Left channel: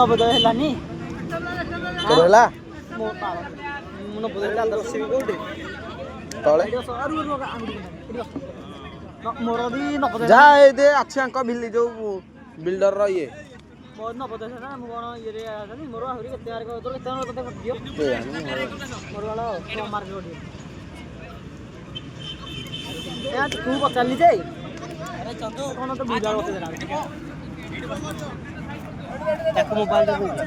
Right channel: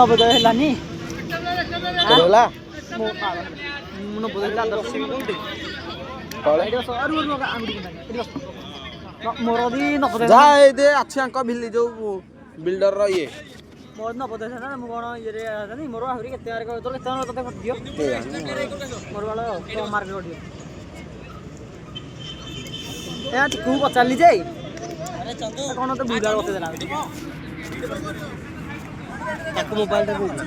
ନବୋଦୟ ହେଲାନି ତୋର ହେଲା ମୋର ବି ନବୋଦୟ ଯାହା ଏଇ ଦେ ଅଛି ଆଙ୍କ ବିଲି ଯୋଉ ବିଲ୍ଡରର ଇଏ ମୋର ନବୋଦୟ ହେଲା ମୁଁ କ'ଣ ଇଏରେ ଆସନି ମୋର ଆହୁରି କେତେ ମାର୍କ ତୋର କେତେ ମାର୍କ ତତେ କଟିଯିବ ମୋର ଭଲ କମ୍ ମାର୍କ କଟିବ ଏ ତୁ ପଚାରିଲି ଯେ କ'ଣ ତ ବୁଝା ବତେଇ ଦେଲା ତାକୁ ମୋବାଇଲଟା ଦେଇଛି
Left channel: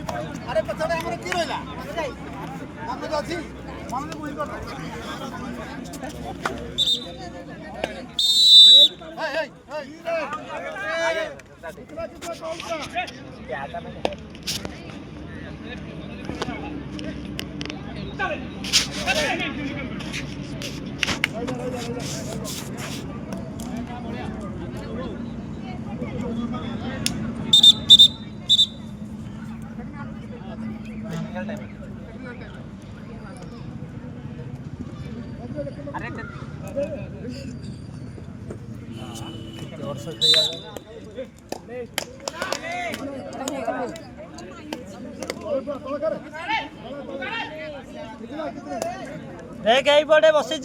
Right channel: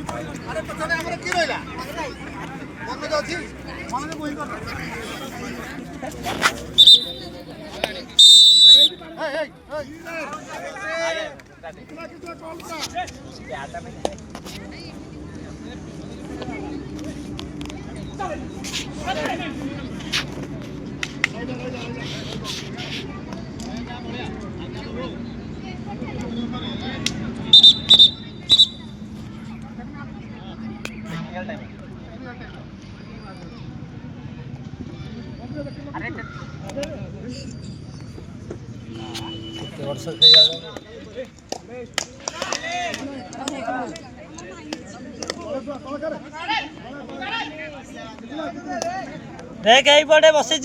देख यही पटे बसी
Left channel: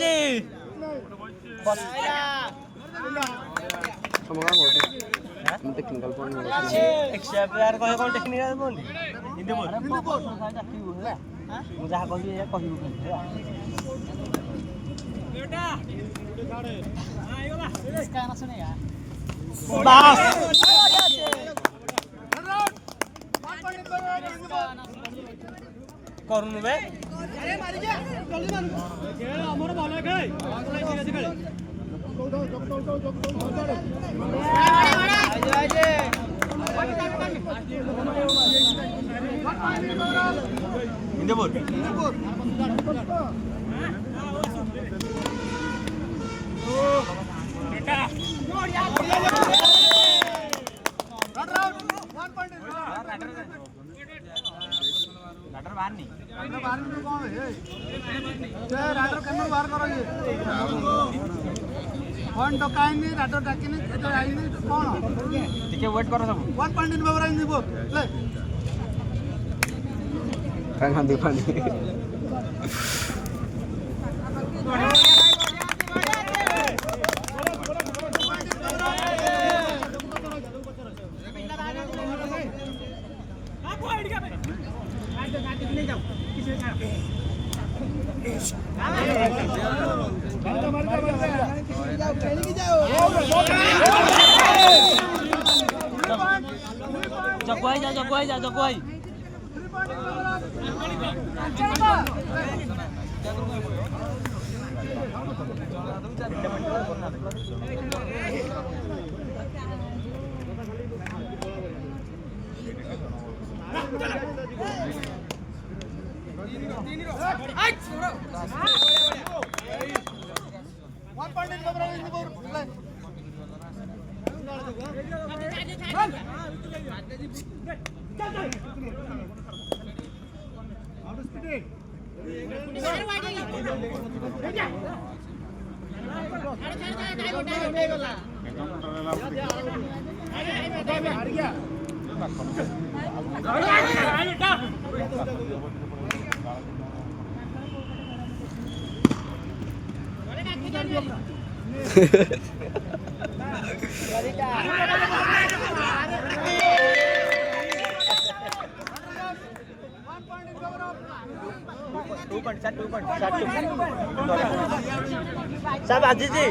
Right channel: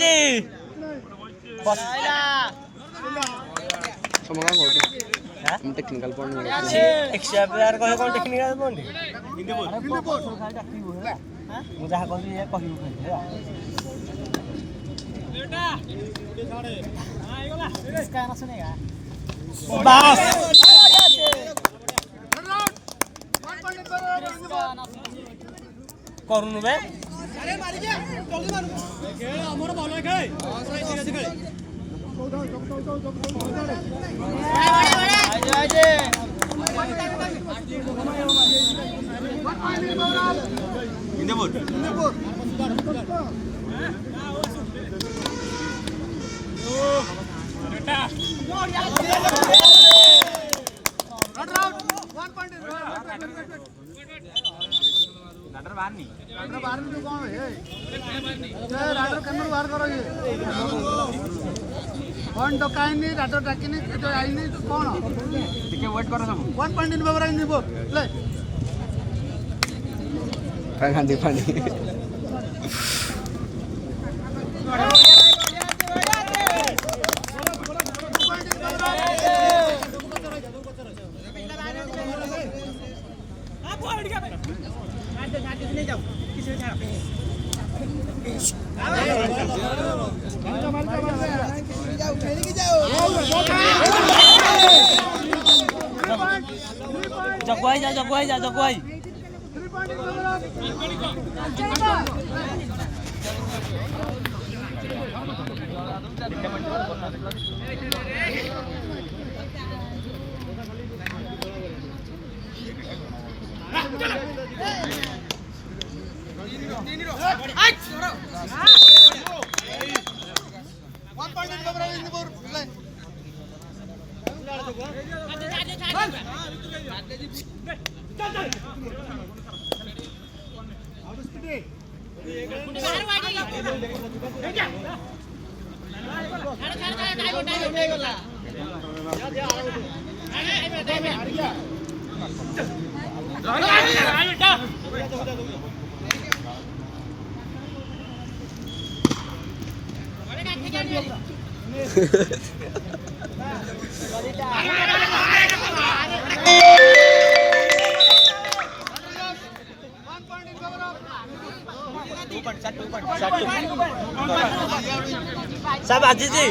टेक्निकल पॉइंट एक्स्ट्रा प्लेयर कहे कौन टेक्निकल पॉइंट मुझे कह बेटा इसका ना सुनेगा करूनु बे अरे मारी जा जल्दी मारू खेल हमर भलो खेल आजे इंदे बोल ओ बेटा मोड़ यार रन आउट 1 पॉइंट राडर बाहर नहीं तो कौन है ये राडर कैमरा बाहर करो ये पॉइंट तो काई नहीं राडर डाकी नहीं तो आई नहीं तो कौन ठीक है वेट करो सब 1 पॉइंट इन फेवर इन बोल प्ले रंगांदी पानी जगवाई जा सब आजी जी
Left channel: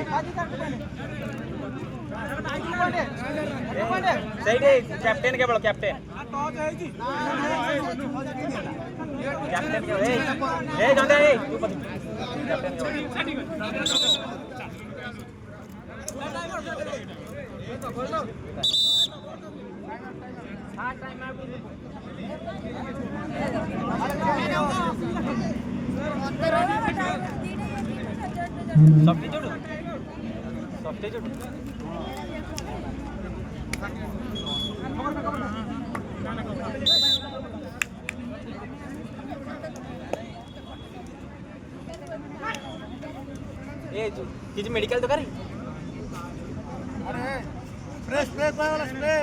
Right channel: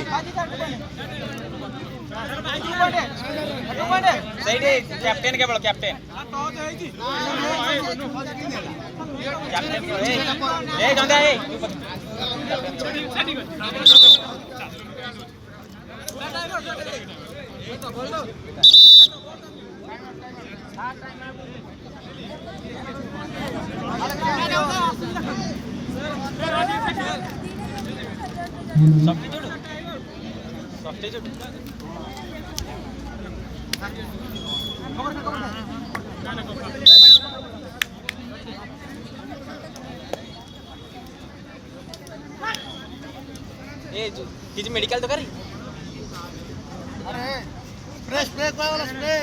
सही कैप्टेन केवल कैप्टेन टॉस है जी कैप्टेन ए गंगा ए किसी मेडिकल तो करी अरे फ्रेश ब्रेक वाला स्प्रे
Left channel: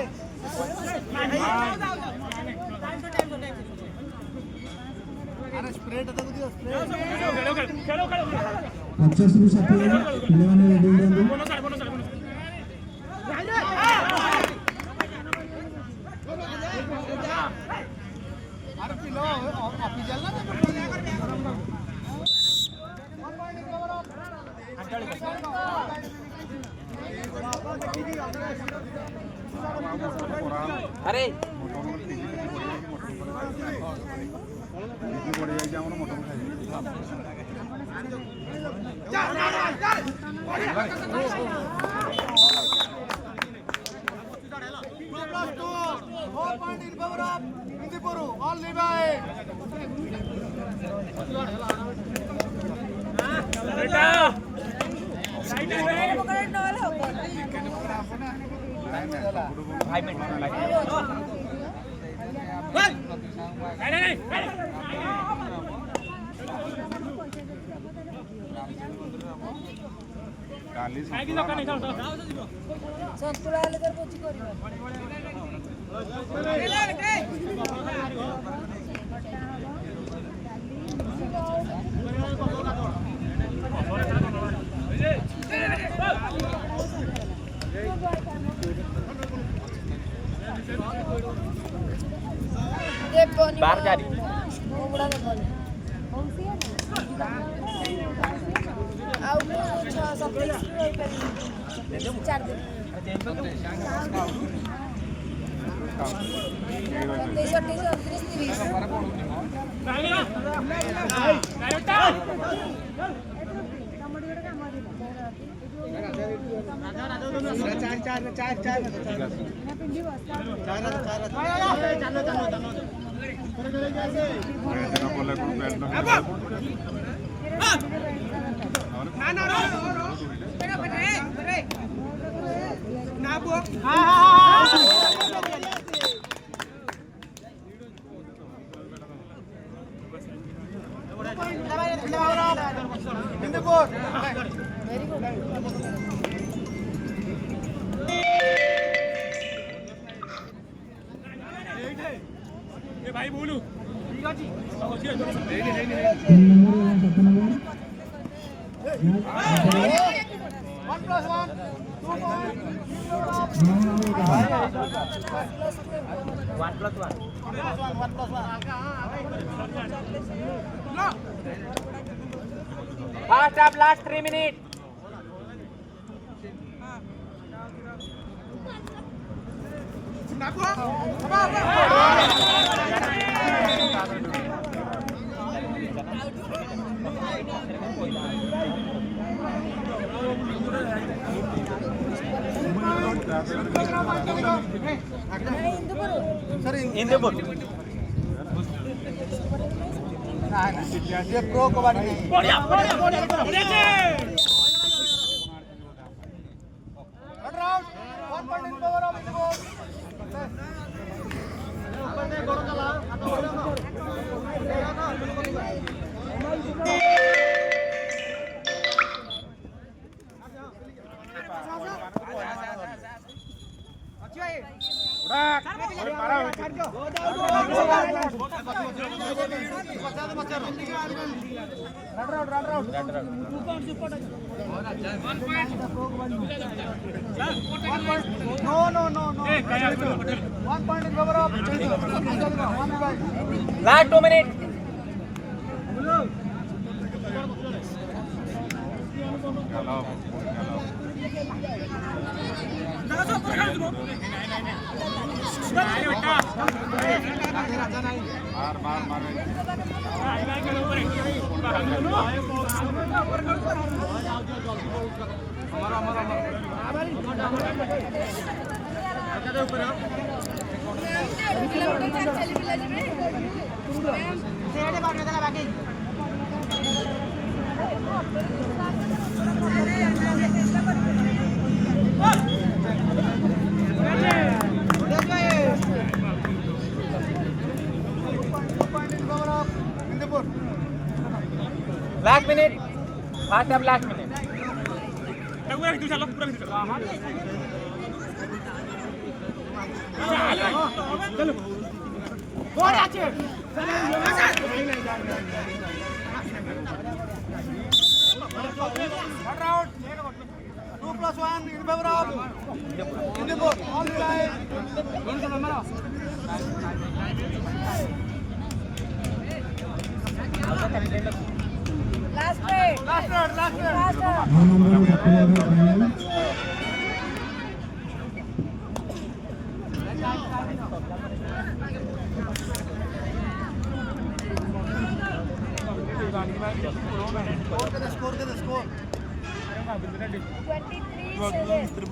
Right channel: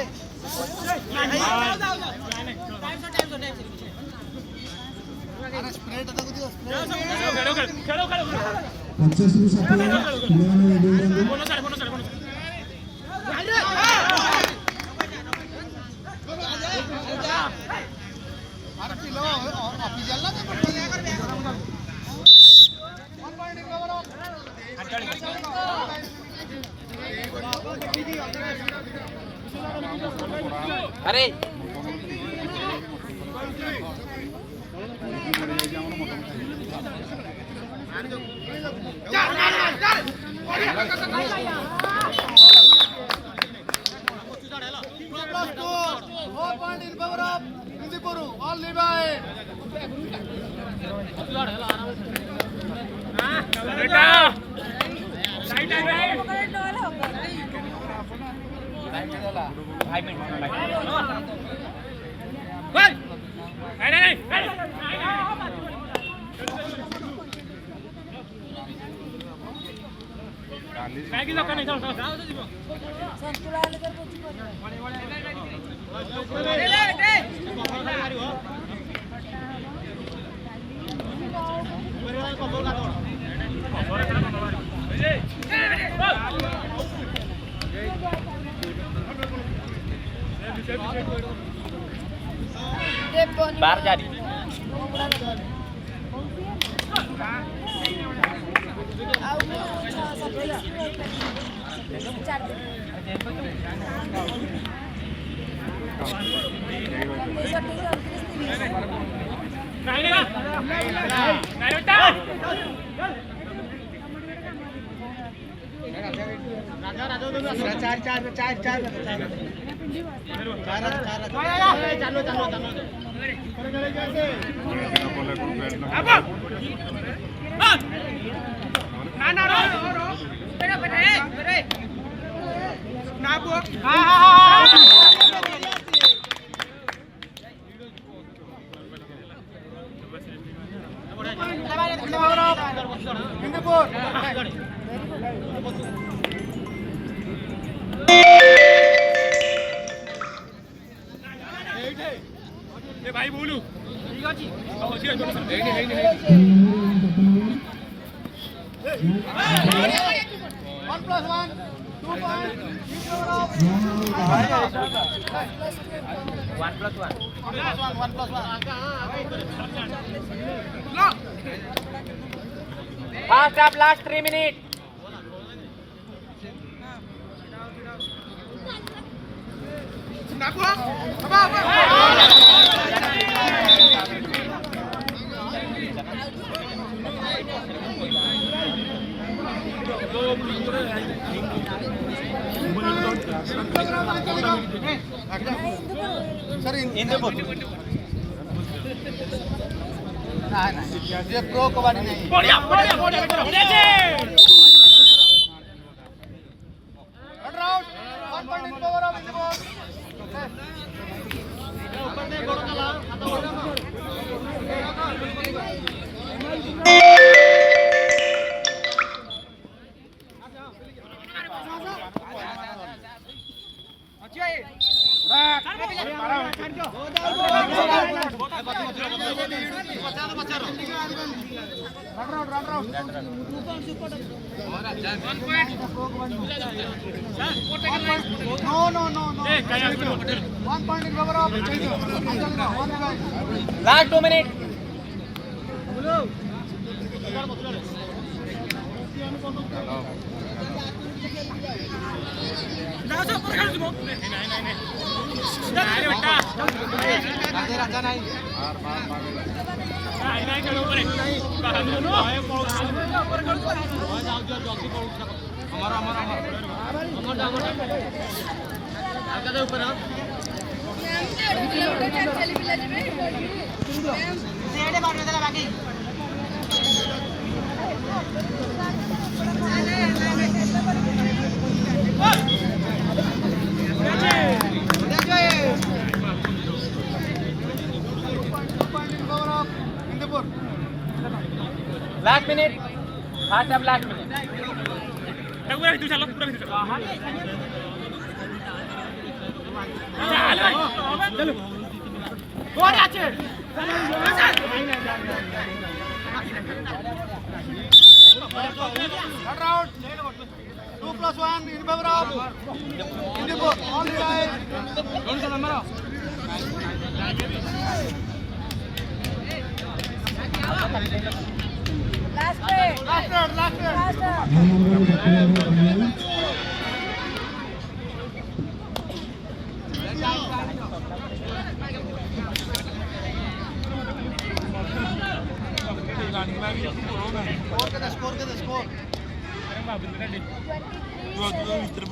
अरे बाहर जा रही भाई बोलू Fast up, last 3 minutes. ये प्रो कबड्डी नहीं बढ़िया बढ़िया बढ़िया लेकर round 1 point in power of the ball Last 2 minutes. Last minute. Fast up, last minute. पूरा भीतर चलो पूरा भीतर चलो कोण আছে Not out. 2+1 in favor of Indigo. All side. Last play. Last round. Last round. Score. 23-7.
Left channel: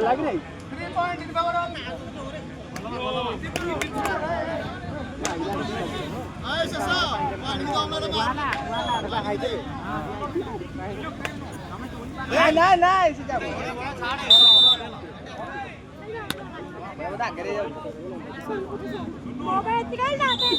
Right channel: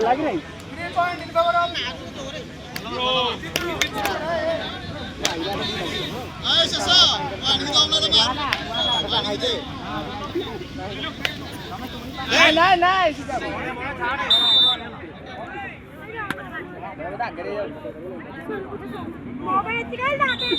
Lagi nih. 3 point in favor of. Ayo Sasa, ini kau mana bar? Nah, sudah. Mobil tinggal datang.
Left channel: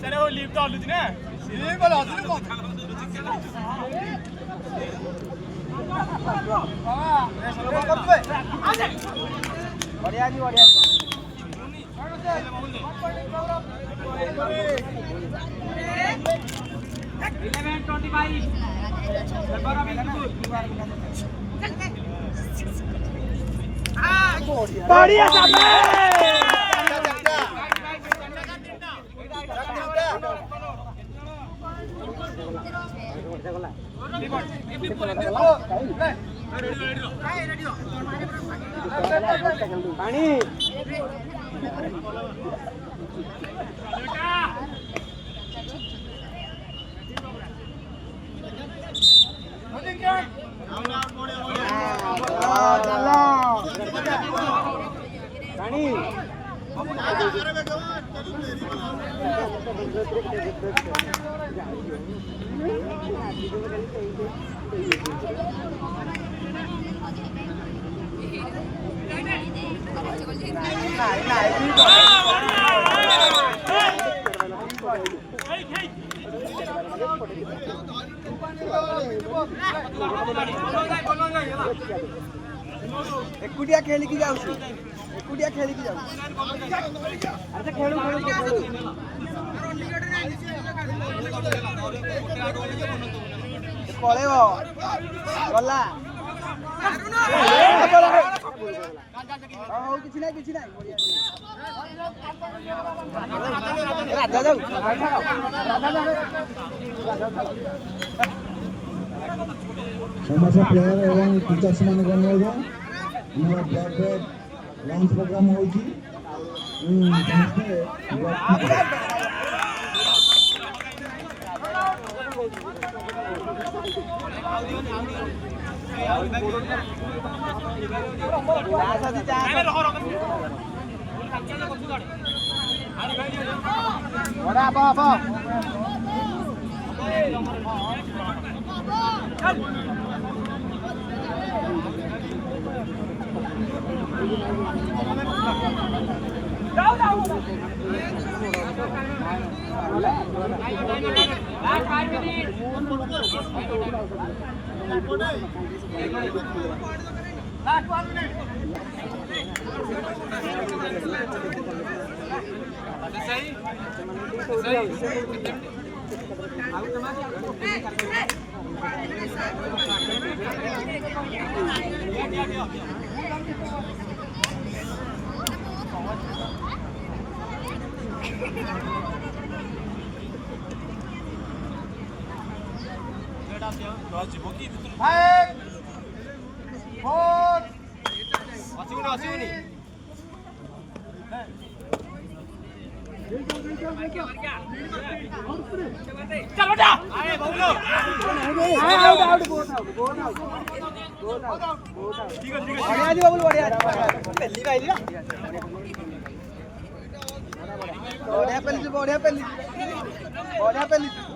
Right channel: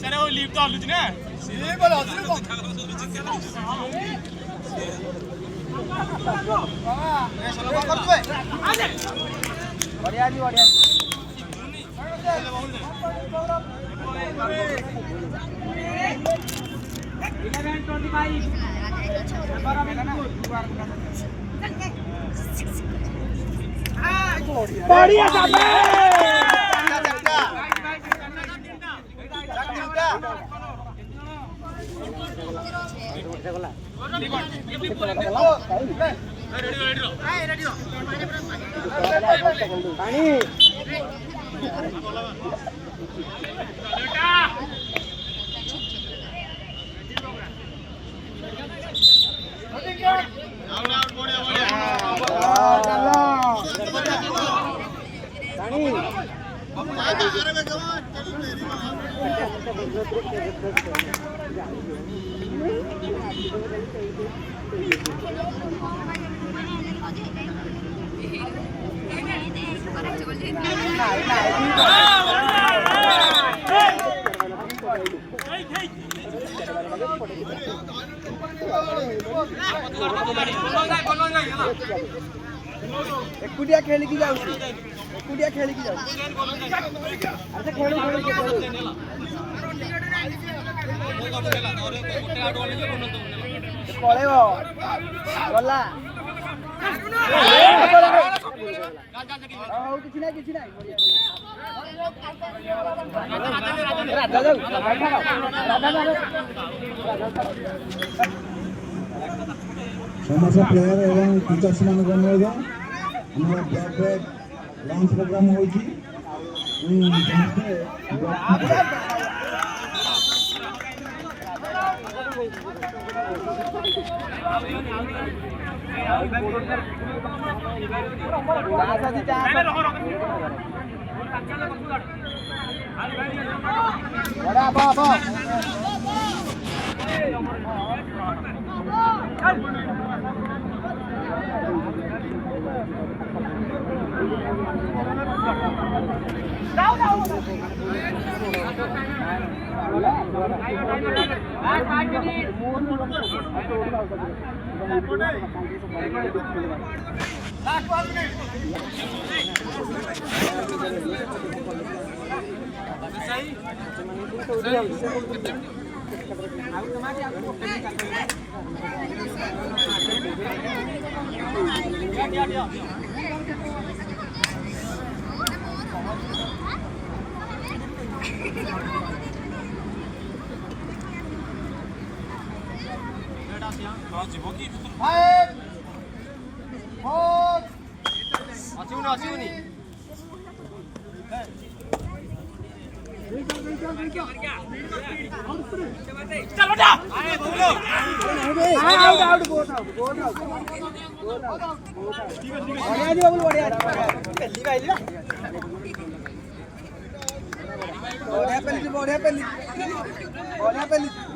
Sare वो leave तो आलू जी ना बढ़िया साहब एकुटिया खेली की जाऊँ एकुटिया खेली की जाऊँ अच्छा खेली पड़े गला ହଉ କିଛି ନାହିଁ ରାଧା ଯାଉ ସମସ୍ତ ପ୍ଲେୟାର ଏବଂ ଟିଚର୍ସ ମାନଙ୍କୁ ଅନୁରୋଧ ଆମର ବ୍ୟାକ୍ ବ୍ୟାକ୍ ଲଞ୍ଚ ପ୍ରୋଗ୍ରାମ ହେଉଛି ବଢିଆ ପେଲି ଗୋଟେ ମିନିଟ୍